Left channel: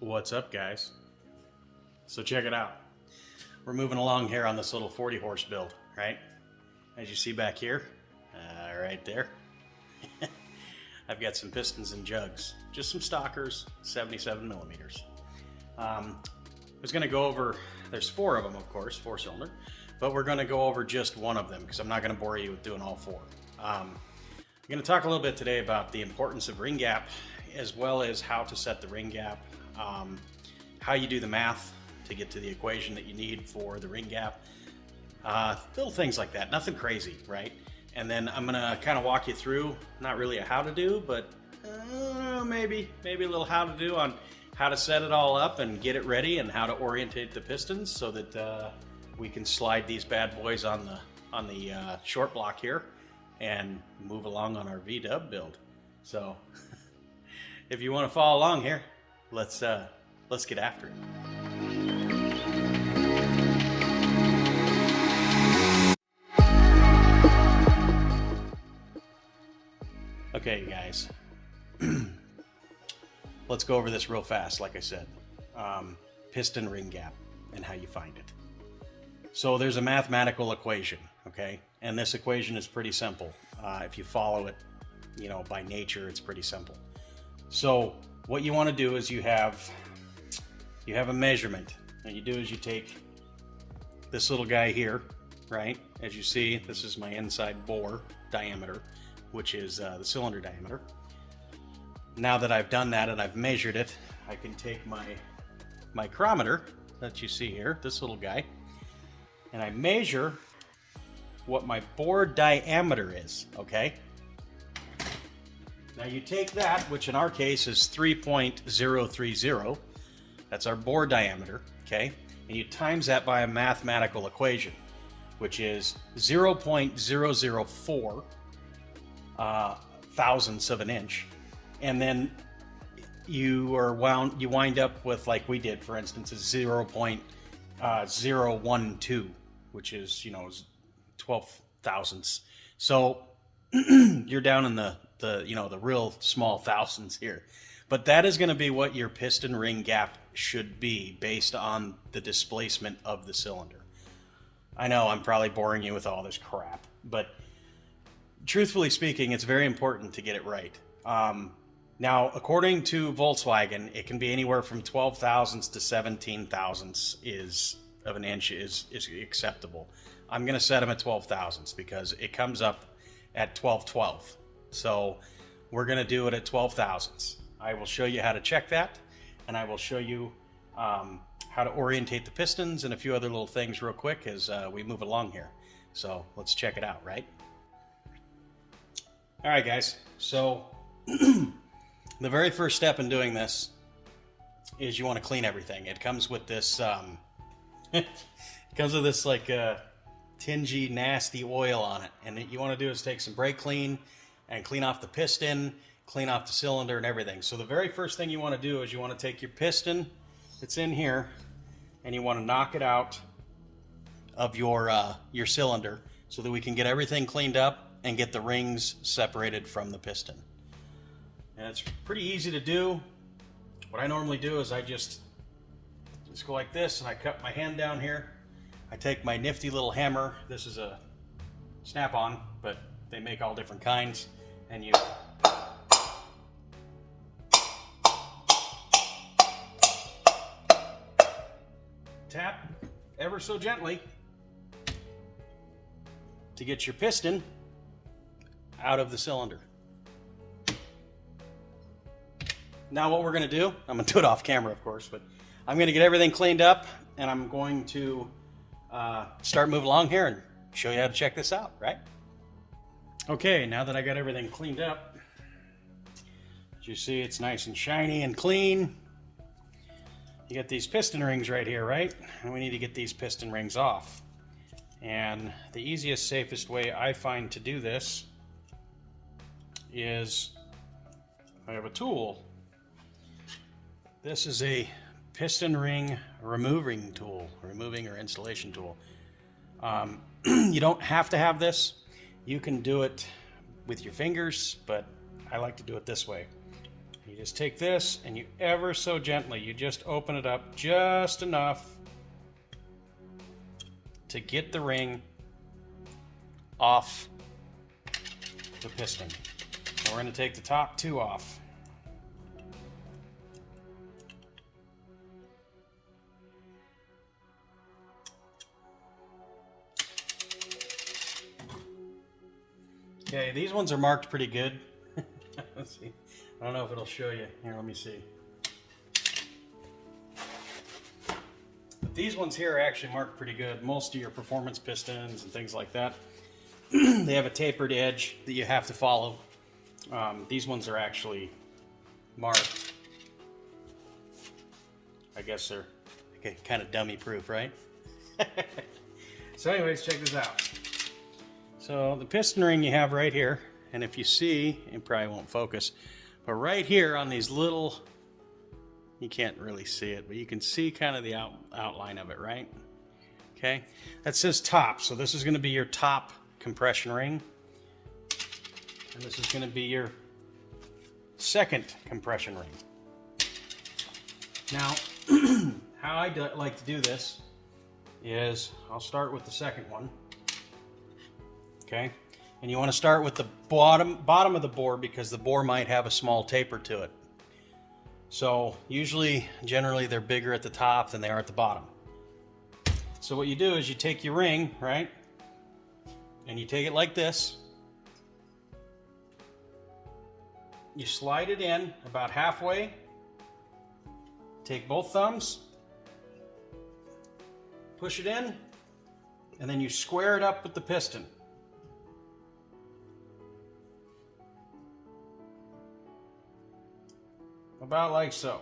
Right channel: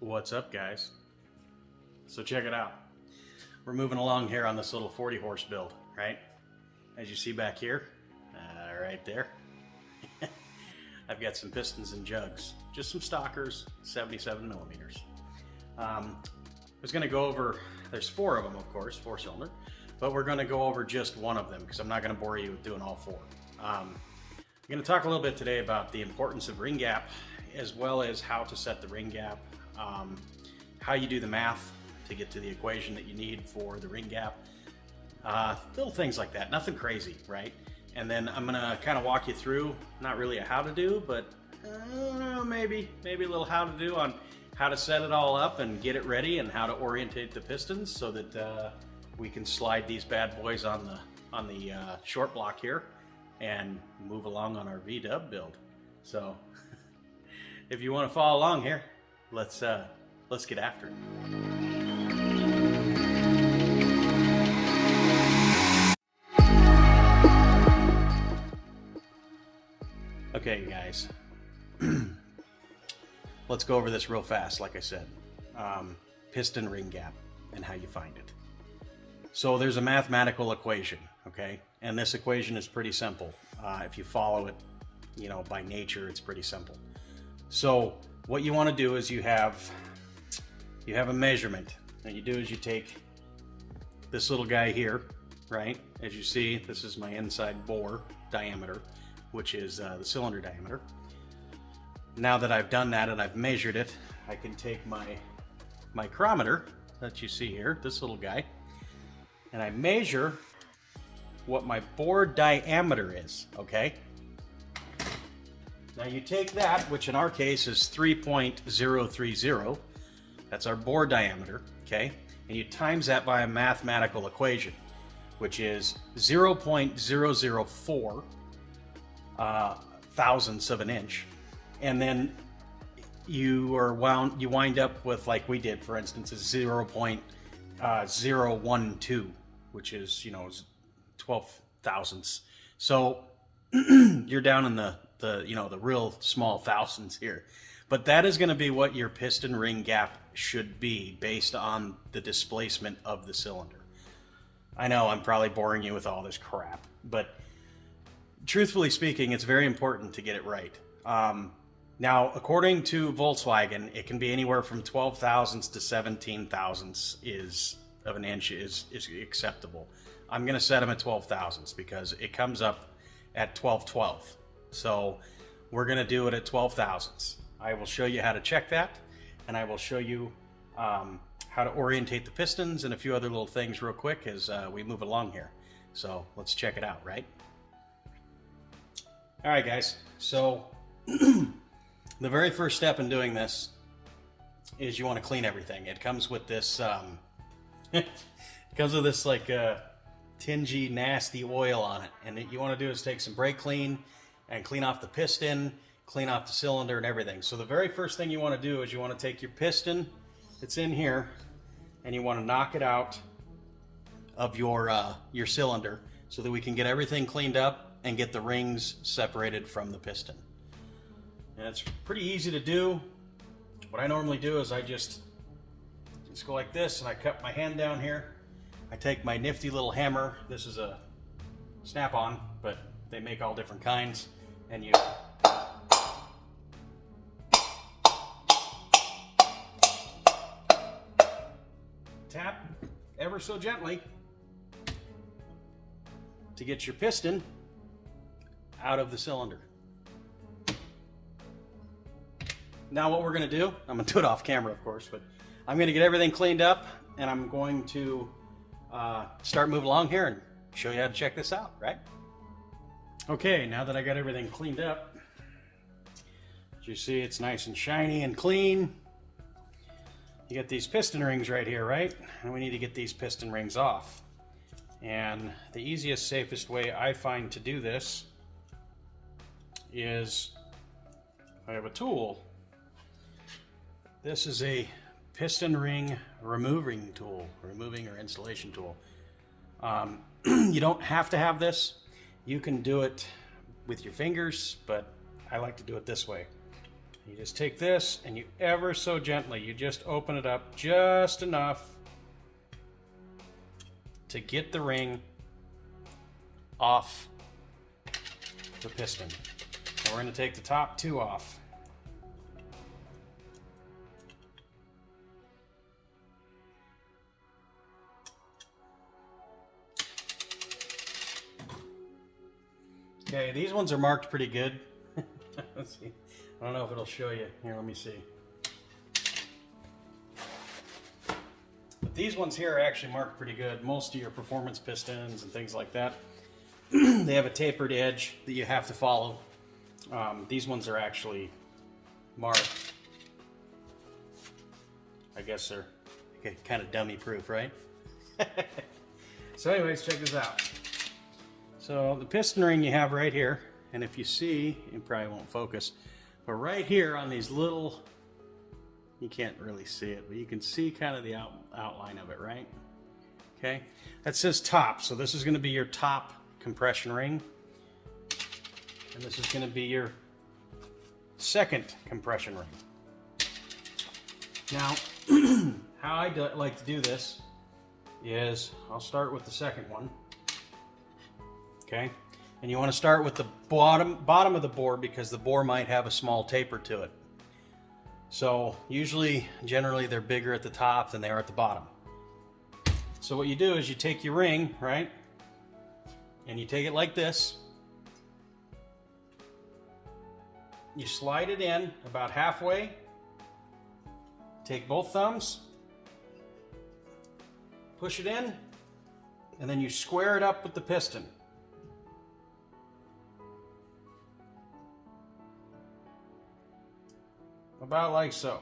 What's up, guys? So check it out. We're moving along here on this little 40 horse build, right? As you see back here, right there, I've got some pistons and jugs, just some stockers, 77 millimeters. I was going to go over, there's 4 of them, of course, 4-cylinder, but we're going to go over just one of them because I'm not going to bore you with doing all 4. I'm going to talk a little bit today about the importance of ring gap, as well as how to set the ring gap, how you do the math to get to the equation that you need for the ring gap, little things like that, nothing crazy, right? And then I'm gonna kind of walk you through, not really a how to do, but maybe a little how to do on how to set it all up and get it ready, and how to orientate the pistons so that we can slide these bad boys on the short block here and move along on our V-dub build. So if you want to follow along here, let's get after it. Okay, you guys, let's go over this real fast. Like I said, piston ring gap and how you find it. So there's a mathematical equation, okay, and this equation is pretty simple. If you follow it, you know, by nature, it's pretty simple. So what you want to do is you have a measurement, and you do is you take this little guy here, right? As you see, this is my inside bore diameter, which is the cylinder diameter. Now that I've done that and I've measured it, I can take my micrometer that you see here, this little guy, and I measure what my bore diameter is, okay? Now you take that, which in our case is 3.030, that's our bore diameter, okay? And you times that by a mathematical equation, which is 0.004 thousandths of an inch. And then you wind up with, like we did, for instance, is 0.012, which is, you know, 12 thousandths. So you're down in the real small thousandths here. But that is going to be what your piston ring gap should be based on the displacement of the cylinder. I know I'm probably boring you with all this crap, but truthfully speaking, it's very important to get it right. Now, according to Volkswagen, it can be anywhere from 12 thousandths to 17 thousandths of an inch is acceptable. I'm going to set them at 12 thousandths because it comes up at 12/12. So we're going to do it at 12 thousandths. I will show you how to check that, and I will show you how to orientate the pistons and a few other little things real quick as we move along here. So let's check it out, right? All right, guys. So the very first step in doing this is you want to clean everything. It comes with this, it comes with this like tingy, nasty oil on it. And what you want to do is take some brake clean and clean off the piston, clean off the cylinder and everything. So the very first thing you want to do is you want to take your piston that's in here and you want to knock it out of your cylinder so that we can get everything cleaned up and get the rings separated from the piston. And it's pretty easy to do. What I normally do is I just go like this, and I cut my hand down here. I take my nifty little hammer. This is a snap-on, but they make all different kinds. And you tap ever so gently to get your piston out of the cylinder. Now what we're going to do, I'm going to do it off camera of course, but I'm going to get everything cleaned up, and I'm going to start moving along here and show you how to check this out, right? Okay, now that I got everything cleaned up, as you see, it's nice and shiny and clean. You get these piston rings right here, right? And we need to get these piston rings off. And the easiest, safest way I find to do this is I have a tool. This is a piston ring removing or installation tool. You don't have to have this. You can do it with your fingers, but I like to do it this way. You just take this and you ever so gently, you just open it up just enough to get the ring off the piston. So we're going to take the top two off. Okay, these ones are marked pretty good. Let's see. I don't know if it'll show you. Here, let me see. But these ones here are actually marked pretty good. Most of your performance pistons and things like that, they have a tapered edge that you have to follow. These ones are actually marked. I guess they're kind of dummy proof, right? So anyways, check this out. So the piston ring you have right here, and if you see, it probably won't focus, but right here on these little, you can't really see it, but you can see kind of the outline of it, right? Okay, that says top, so this is going to be your top compression ring, and this is going to be your second compression ring. Now, how I like to do this is I'll start with the second one. Okay, and you want to start with the bottom of the bore because the bore might have a small taper to it. So generally they're bigger at the top than they are at the bottom. So what you do is you take your ring, right, and you take it like this. You slide it in about halfway. Take both thumbs, push it in, and then you square it up with the piston. About like so.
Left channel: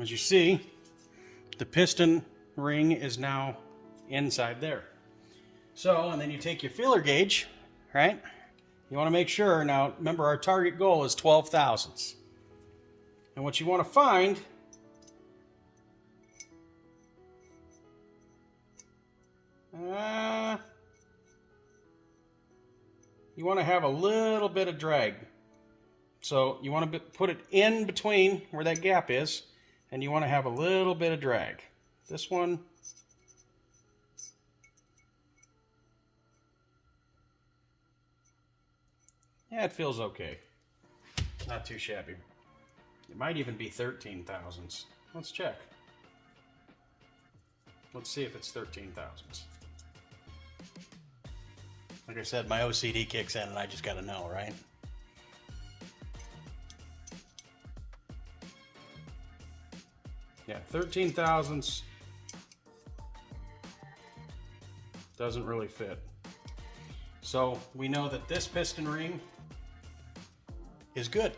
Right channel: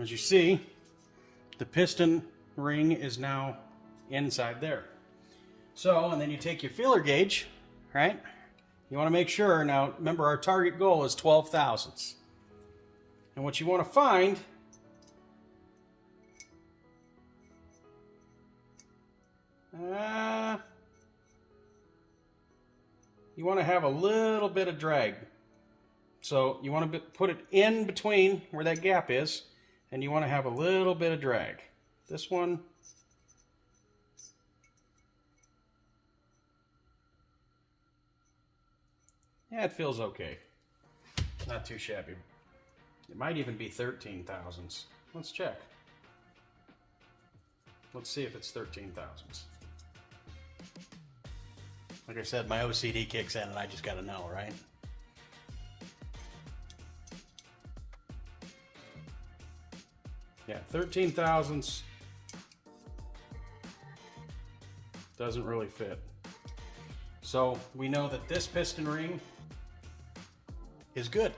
As you see, the piston ring is now inside there. So, and then you take your feeler gauge, right? You want to make sure, now remember our target goal is 12 thousandths. And what you want to find you want to have a little bit of drag. So you want to put it in between where that gap is, and you want to have a little bit of drag. This one, yeah, it feels okay. Not too shabby. It might even be 13 thousandths. Let's check. Let's see if it's 13 thousandths. Like I said, my OCD kicks in and I just gotta know, right? Yeah, 13 thousandths doesn't really fit. So we know that this piston ring is good.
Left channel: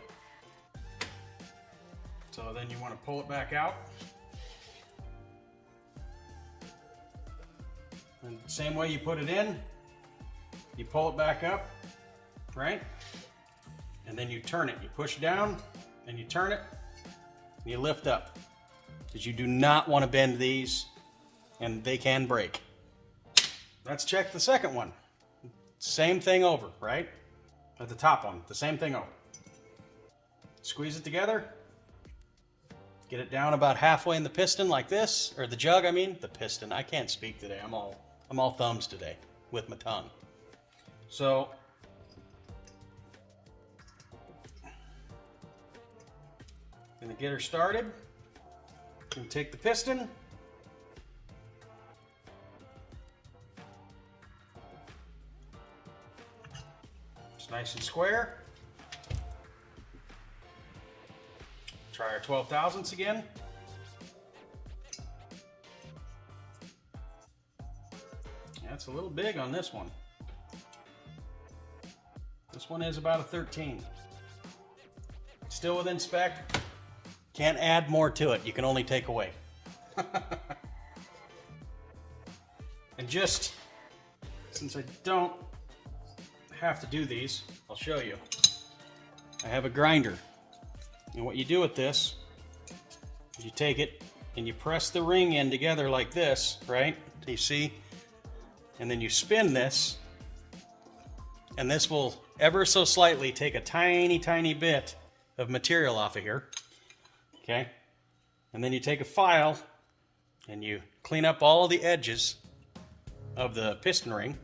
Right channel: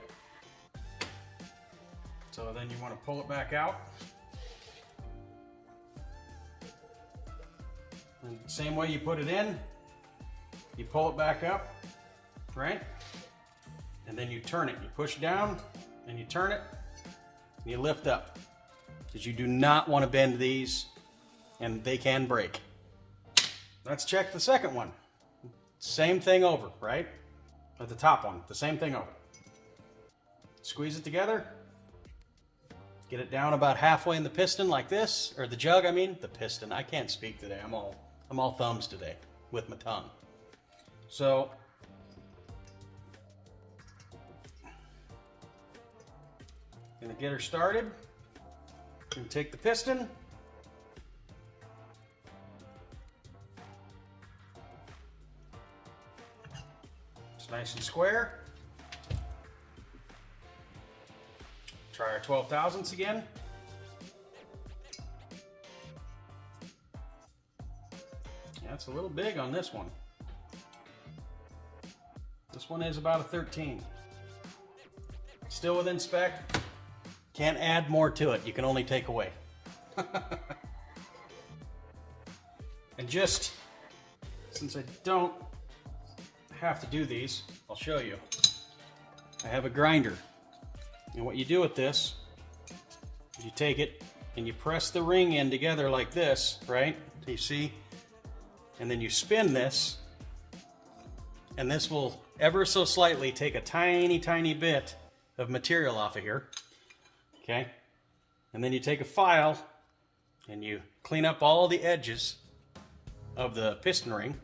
So then you want to pull it back out. And the same way you put it in, you pull it back up, right? And then you turn it. You push down and you turn it and you lift up. Because you do not want to bend these and they can break. Let's check the second one. Same thing over, right? At the top one, the same thing over. Squeeze it together. Get it down about halfway in the piston like this, or the jug, I mean. The piston, I can't speak today. I'm all thumbs today with my tongue. So, gonna get her started. Gonna take the piston. It's nice and square. Try our 12 thousandths again. That's a little big on this one. This one is about a 13. Still within spec. Can't add more to it. You can only take away. And just, since I don't have to do these, I'll show you. I have a grinder. And what you do with this is you take it and you press the ring in together like this, right? Do you see? And then you spin this, and this will ever so slightly take a tiny bit of material off of here, okay? And then you take a file and you clean up all the edges of the piston ring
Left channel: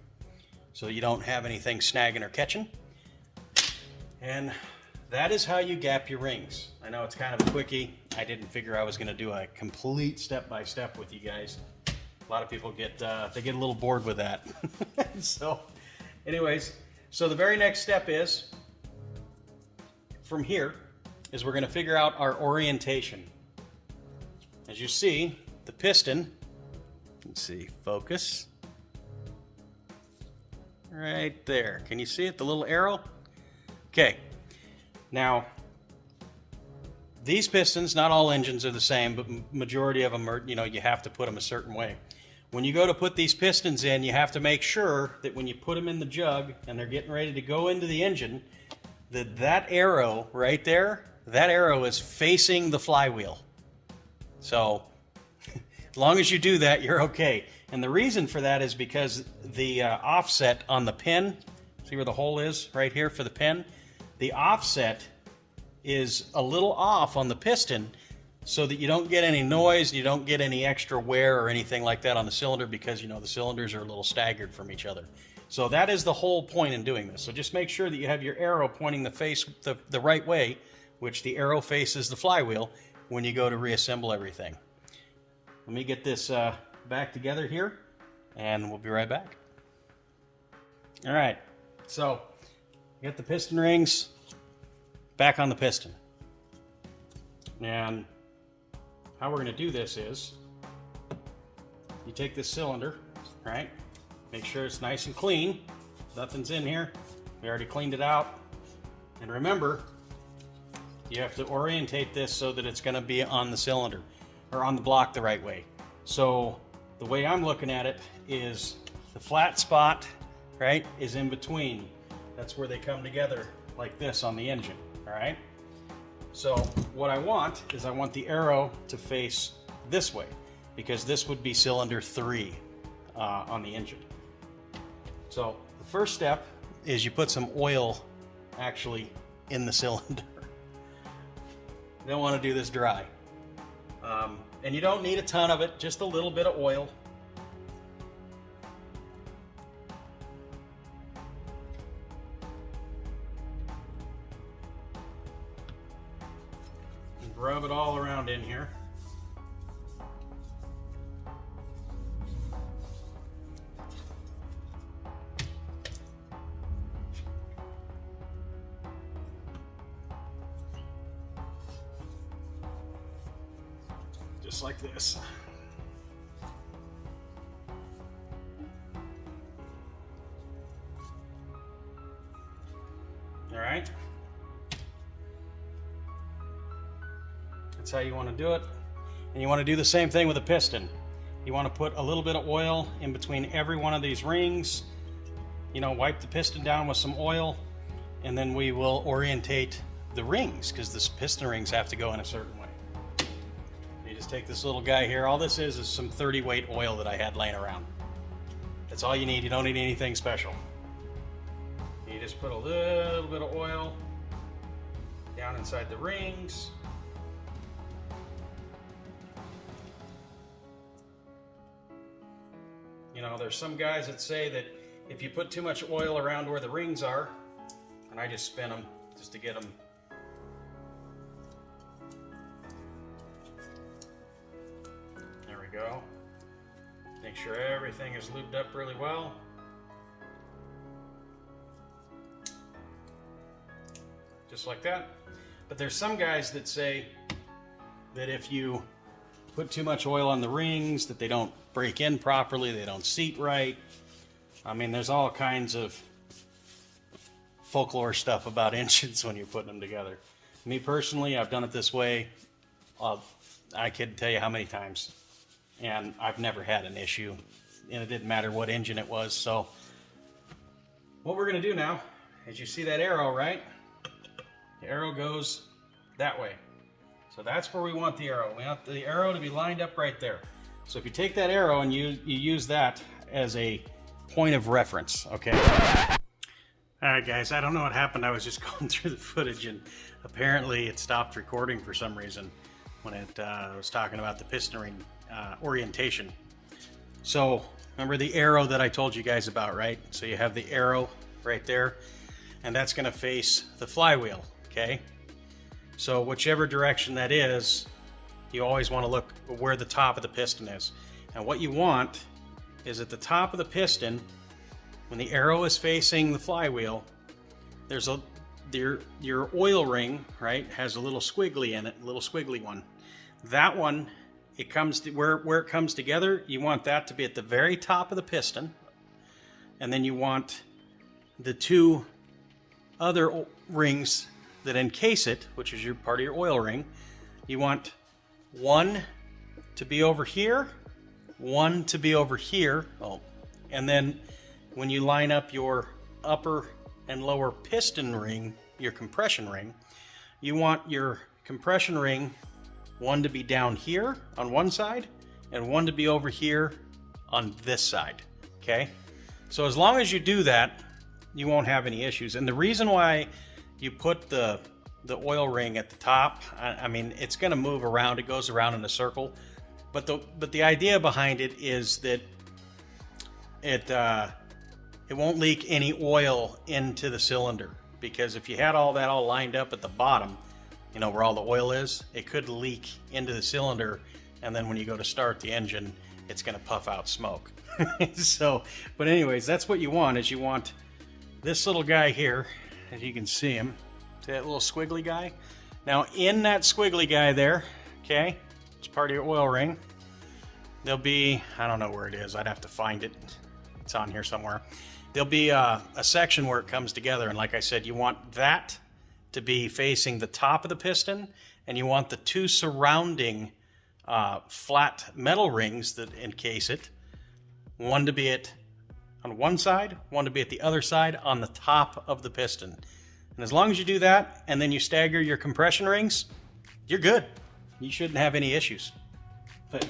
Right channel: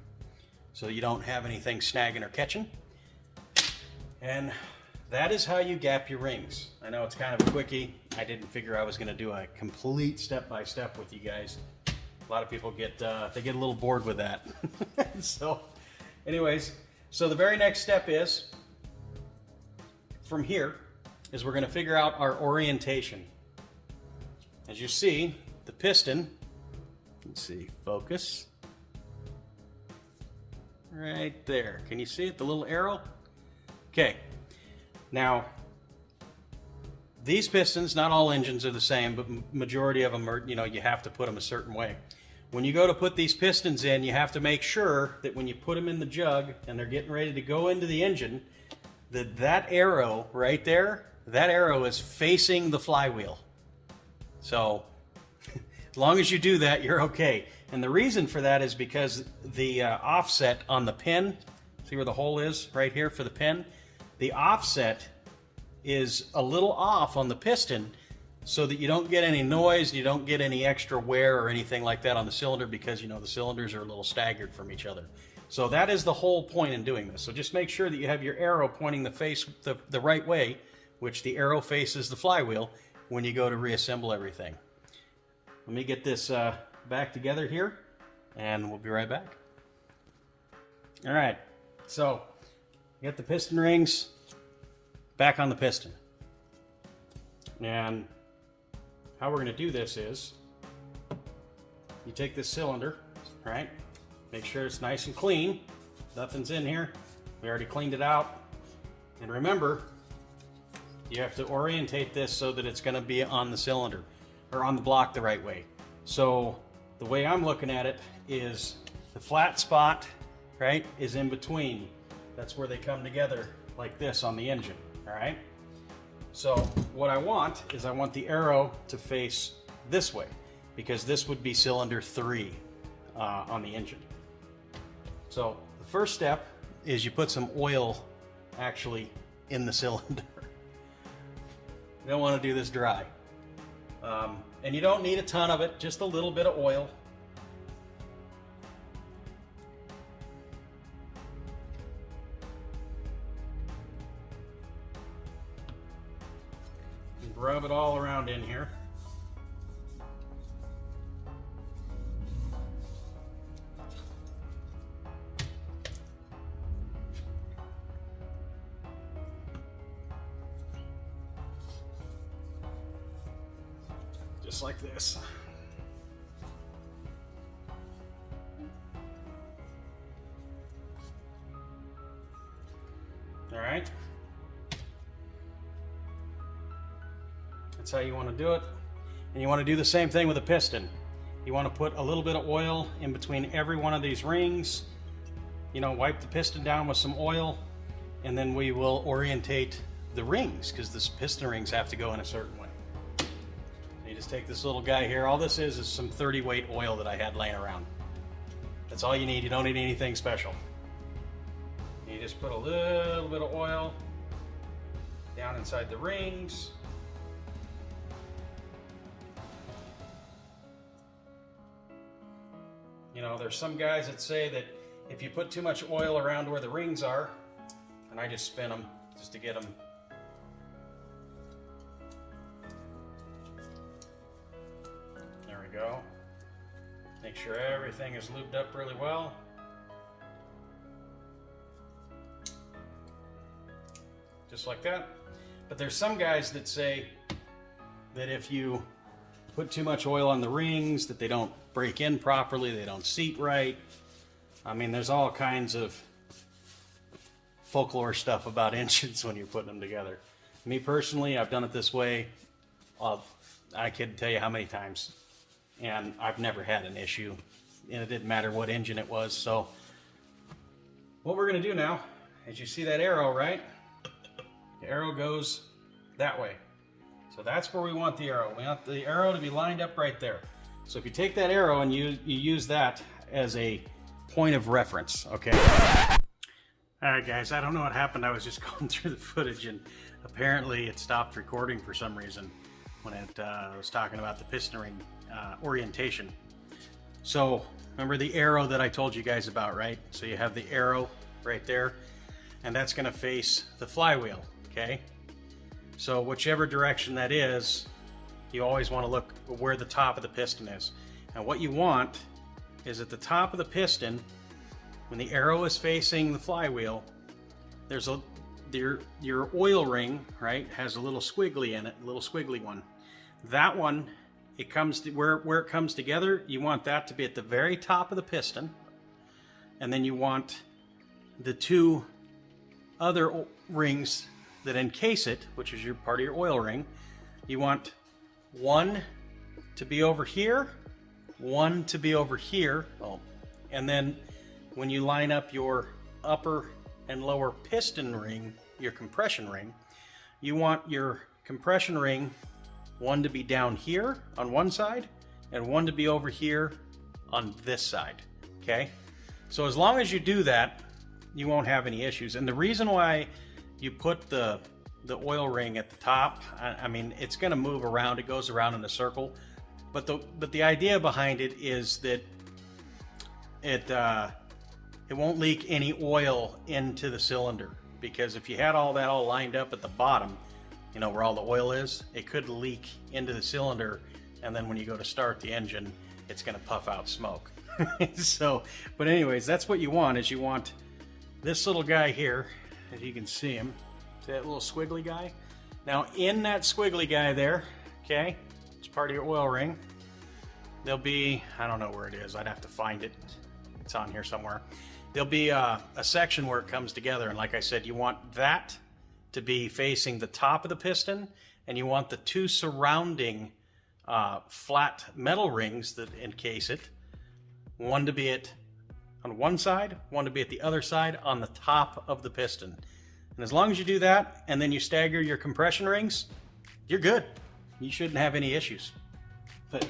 so you don't have anything snagging or catching. And that is how you gap your rings. I know it's kind of a quickie. I didn't figure I was going to do a complete step-by-step with you guys. A lot of people get they get a little bored with that. So anyways, so the very next step is, from here, is we're going to figure out our orientation. As you see, the piston, let's see, focus, right there. Can you see it, the little arrow? Okay, now, these pistons, not all engines are the same, but majority of them are, you know, you have to put them a certain way. When you go to put these pistons in, you have to make sure that when you put them in the jug and they're getting ready to go into the engine, that arrow right there, that arrow is facing the flywheel. So as long as you do that, you're okay. And the reason for that is because the offset on the pin, see where the hole is right here for the pin? The offset is a little off on the piston so that you don't get any noise, you don't get any extra wear or anything like that on the cylinder, because you know the cylinders are a little staggered from each other. So that is the whole point in doing this. So just make sure that you have your arrow pointing the right way, which the arrow faces the flywheel, when you go to reassemble everything. Let me get this back together here and we'll be right back. All right, so get the piston rings back on the piston. And how we're going to do this is, you take this cylinder, right? Make sure it's nice and clean. Nothing's in here. We already cleaned it out. And remember, you have to orientate this so that it's going to be on the cylinder, or on the block the right way. So the way I'm looking at it is the flat spot, right, is in between. That's where they come together like this on the engine, all right? So what I want is I want the arrow to face this way, because this would be cylinder 3 on the engine. So the first step is you put some oil actually in the cylinder. You don't want to do this dry. And you don't need a ton of it, just a little bit of oil. And rub it all around in here. Just like this. All right. That's how you want to do it. And you want to do the same thing with a piston. You want to put a little bit of oil in between every one of these rings. You know, wipe the piston down with some oil, and then we will orientate the rings, because the piston rings have to go in a certain way. You just take this little guy here. All this is some 30 weight oil that I had laying around. That's all you need. You don't need anything special. You just put a little bit of oil down inside the rings. You know, there's some guys that say that if you put too much oil around where the rings are, and I just spin them just to get them. There we go. Make sure everything is lubed up really well. Just like that. But there's some guys that say that if you put too much oil on the rings, that they don't break in properly, they don't seat right. I mean, there's all kinds of folklore stuff about engines when you're putting them together. Me personally, I've done it this way. I can't tell you how many times, and I've never had an issue, and it didn't matter what engine it was. So what we're going to do now is, you see that arrow, right? The arrow goes that way. So that's where we want the arrow. We want the arrow to be lined up right there. So if you take that arrow and you use that as a point of reference, okay? All Alright guys, I don't know what happened. I was just going through the footage and apparently it stopped recording for some reason when it was talking about the piston ring orientation. So remember the arrow that I told you guys about, right? So you have the arrow right there, and that's going to face the flywheel, okay? So whichever direction that is, you always want to look where the top of the piston is. And what you want is at the top of the piston, when the arrow is facing the flywheel, there's your oil ring, right, has a little squiggly in it, a little squiggly one. That one, it comes to where it comes together, you want that to be at the very top of the piston, and then you want the two other rings that encase it, which is your part of your oil ring, you want one to be over here, one to be over here, and then when you line up your upper and lower piston ring, your compression ring, you want your compression ring, one to be down here on one side and one to be over here on this side, okay? So as long as you do that, you won't have any issues. And the reason why you put the oil ring at the top, I mean, it's gonna move around, it goes around in a circle, but the idea behind it is that it won't leak any oil into the cylinder, because if you had all that all lined up at the bottom, you know, where all the oil is, it could leak into the cylinder, and then when you go to start the engine, it's going to puff out smoke. So, but anyways, that's what you want, is you want this little guy here, as you can see him, that little squiggly guy. Now in that squiggly guy there, okay, it's part of your oil ring, there'll be, I don't know where it is, I'd have to find it, it's on here somewhere. There'll be a section where it comes together, and like I said, you want that to be facing the top of the piston, and you want the two surrounding flat metal rings that encase it, one to be on one side, one to be at the other side on the top of the piston. And as long as you do that, and then you stagger your compression rings, you're good. You shouldn't have any issues. But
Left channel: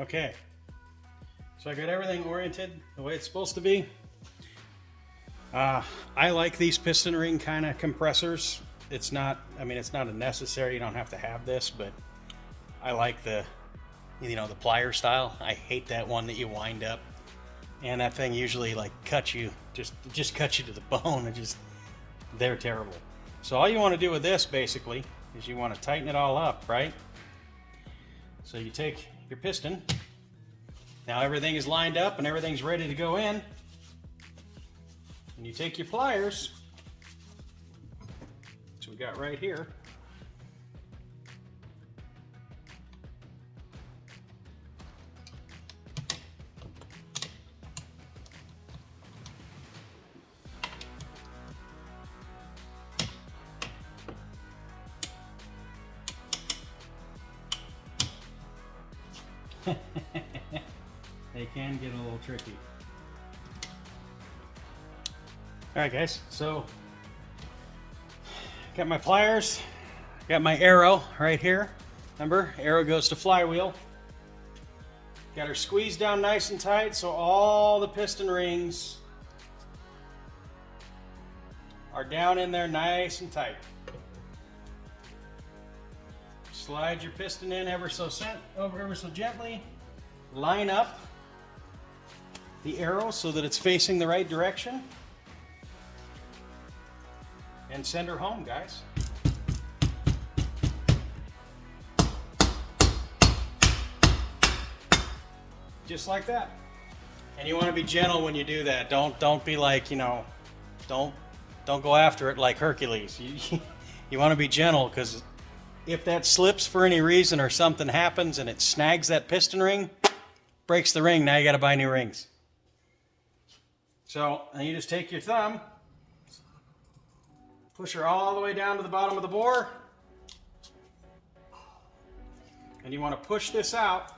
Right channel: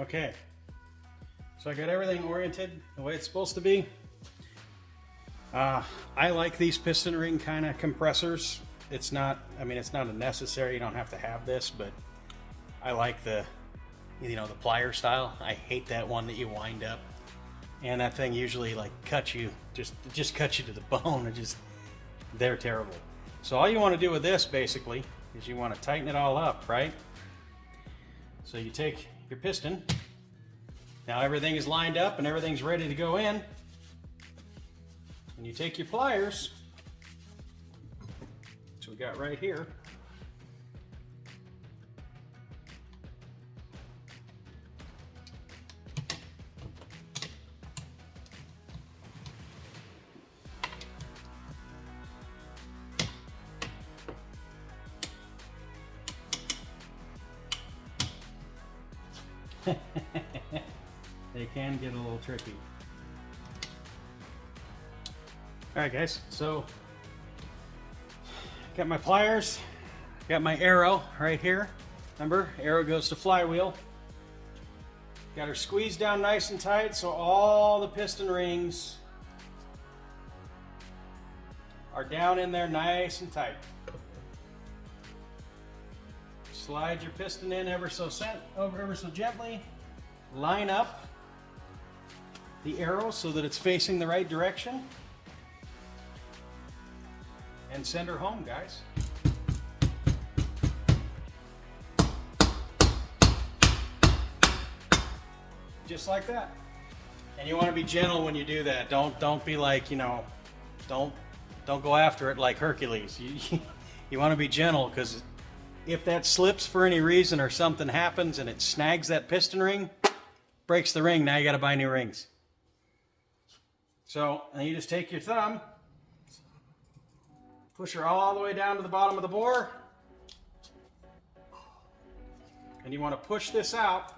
okay. So I got everything oriented the way it's supposed to be. I like these piston ring kind of compressors. It's not, I mean, it's not a necessary, you don't have to have this, but I like the, you know, the plier style. I hate that one that you wind up, and that thing usually like cuts you, just cuts you to the bone. They're terrible. So all you want to do with this basically is you want to tighten it all up, right? So you take your piston. Now everything is lined up and everything's ready to go in. And you take your pliers, which we got right here. They can get a little tricky. Alright guys, so got my pliers, got my arrow right here. Remember, arrow goes to flywheel. Got her squeezed down nice and tight so all the piston rings are down in there nice and tight. Slide your piston in ever so gently. Line up the arrow so that it's facing the right direction. And send her home, guys. Just like that. And you want to be gentle when you do that. Don't be like, you know, don't go after it like Hercules. You want to be gentle, because if that slips for any reason or something happens and it snags that piston ring, breaks the ring, now you got to buy new rings. So, and you just take your thumb, push her all the way down to the bottom of the bore, and you want to push this out.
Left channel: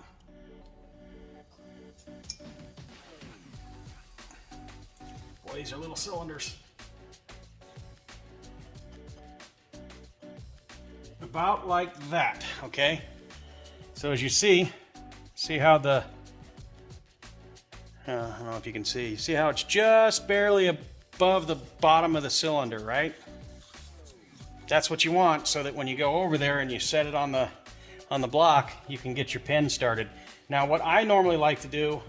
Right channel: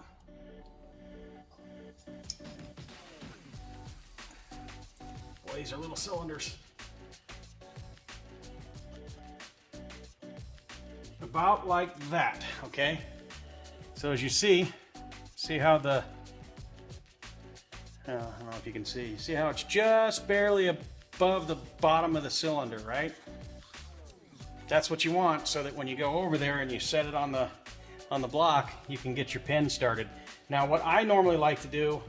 Boy, these are little cylinders. About like that, okay? So as you see how I don't know if you can see. See how it's just barely above the bottom of the cylinder, right? That's what you want, so that when you go over there and you set it on the block, you can get your pin started. Now, what I normally like to do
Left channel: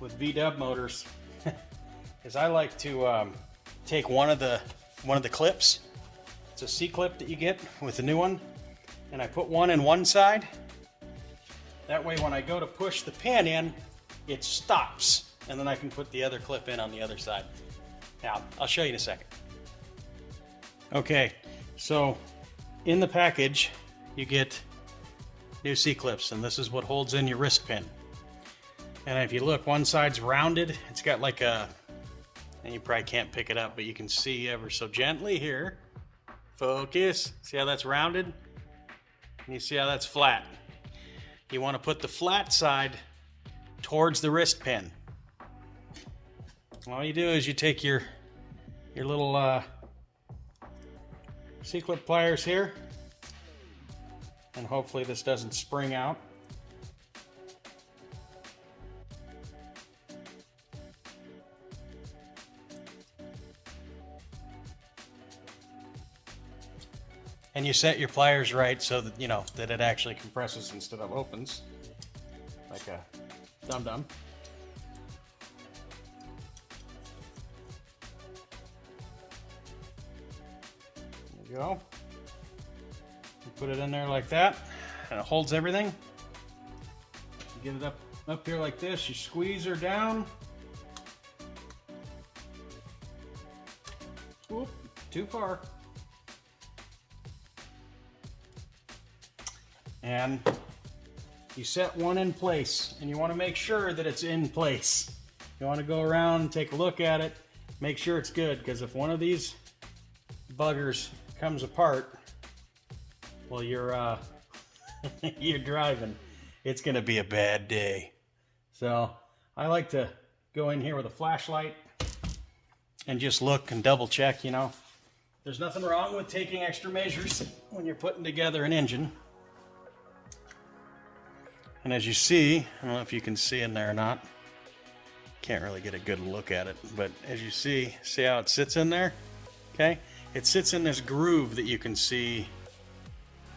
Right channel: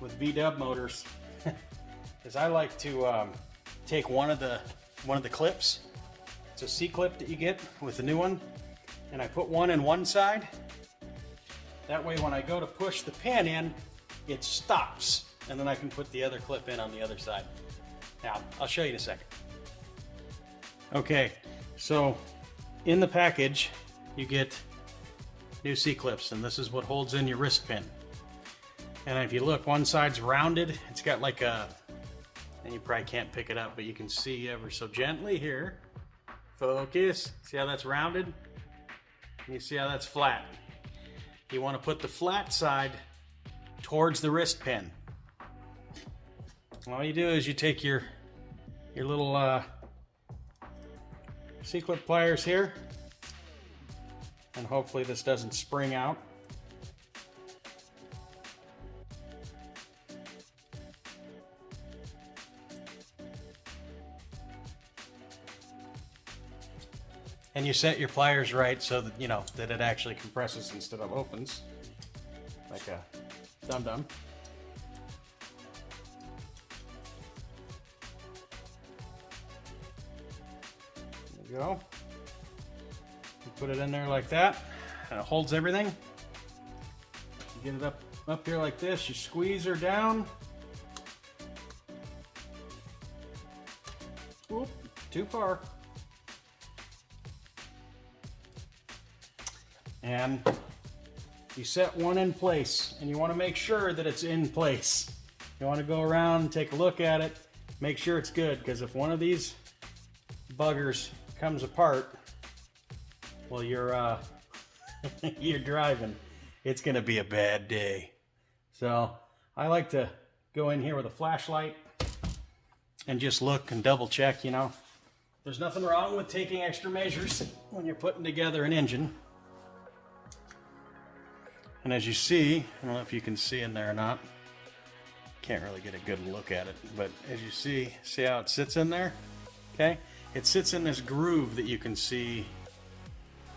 with VW motors is I like to take one of the clips. It's a C-clip that you get with the new one, and I put one in one side. That way, when I go to push the pin in, it stops, and then I can put the other clip in on the other side. Now, I'll show you in a second. Okay, so in the package, you get new C-clips, and this is what holds in your wrist pin. And if you look, one side's rounded. It's got like a, and you probably can't pick it up, but you can see ever so gently here. Focus. See how that's rounded? And you see how that's flat. You want to put the flat side towards the wrist pin. All you do is you take your little C-clip pliers here, and hopefully this doesn't spring out. And you set your pliers right so that you know that it actually compresses instead of opens, like a dum-dum. There you go. You put it in there like that, and it holds everything. You get it up here like this. You squeeze her down. Oop, too far. And you set one in place, and you want to make sure that it's in place. You want to go around and take a look at it, make sure it's good, because if one of these buggers comes apart, well, you're you're driving. It's going to be a bad day. So I like to go in here with a flashlight and just look and double check, you know. There's nothing wrong with taking extra measures when you're putting together an engine. And as you see, I don't know if you can see in there or not. Can't really get a good look at it, but as you see how it sits in there? Okay? It sits in this groove that you can see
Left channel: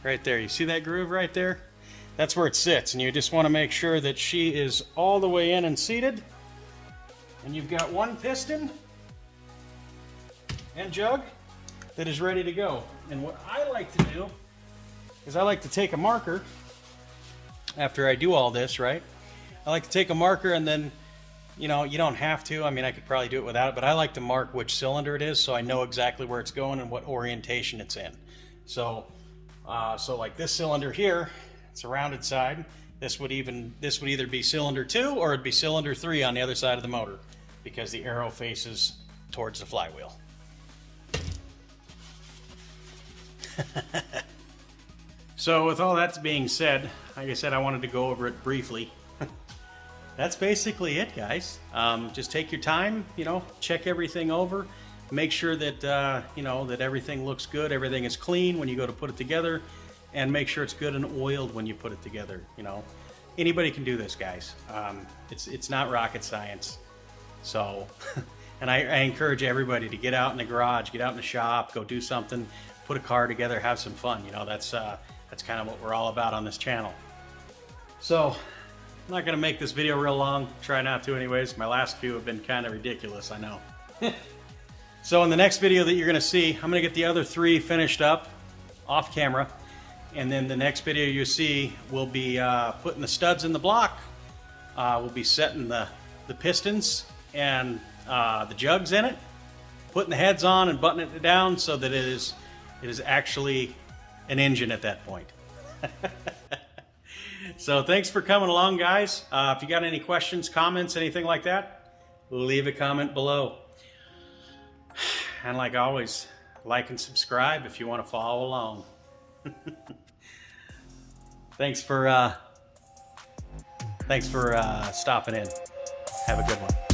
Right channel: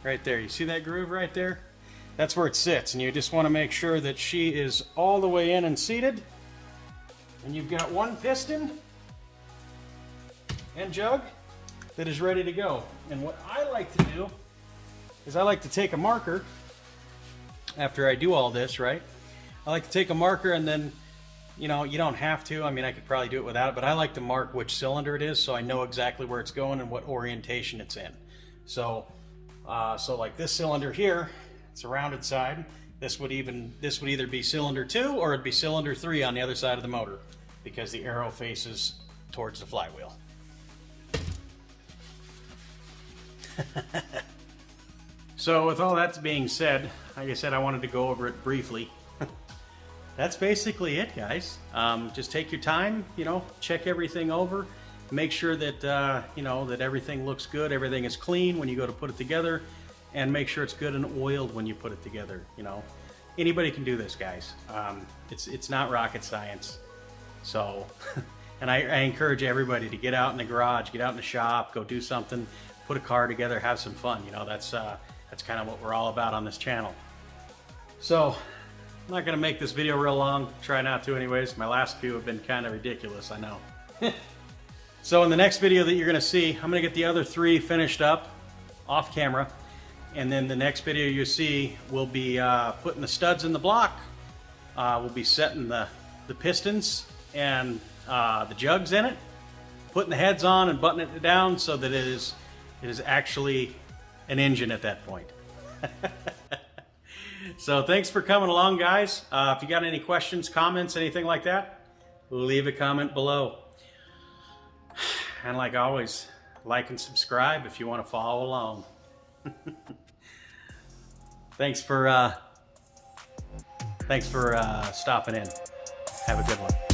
right there. You see that groove right there? That's where it sits, and you just want to make sure that she is all the way in and seated. And you've got one piston and jug that is ready to go. And what I like to do is I like to take a marker after I do all this, right? I like to take a marker, and then, you know, you don't have to. I mean, I could probably do it without it, but I like to mark which cylinder it is so I know exactly where it's going and what orientation it's in. So like this cylinder here, it's a rounded side. This would either be cylinder 2 or it'd be cylinder 3 on the other side of the motor, because the arrow faces towards the flywheel. So with all that being said, like I said, I wanted to go over it briefly. That's basically it, guys. Just take your time, you know, check everything over, make sure that, you know, that everything looks good, everything is clean when you go to put it together, and make sure it's good and oiled when you put it together, you know. Anybody can do this, guys. It's not rocket science. So, and I encourage everybody to get out in the garage, get out in the shop, go do something, put a car together, have some fun. You know, that's kind of what we're all about on this channel. So, I'm not going to make this video real long. Try not to anyways. My last few have been kind of ridiculous, I know. So in the next video that you're going to see, I'm going to get the other 3 finished up off camera. And then the next video you see, we'll be putting the studs in the block. We'll be setting the pistons and the jugs in it, putting the heads on and buttoning it down so that it is actually an engine at that point. So thanks for coming along, guys. If you got any questions, comments, anything like that, leave a comment below. And like always, like and subscribe if you want to follow along. Thanks for stopping in. Have a good one.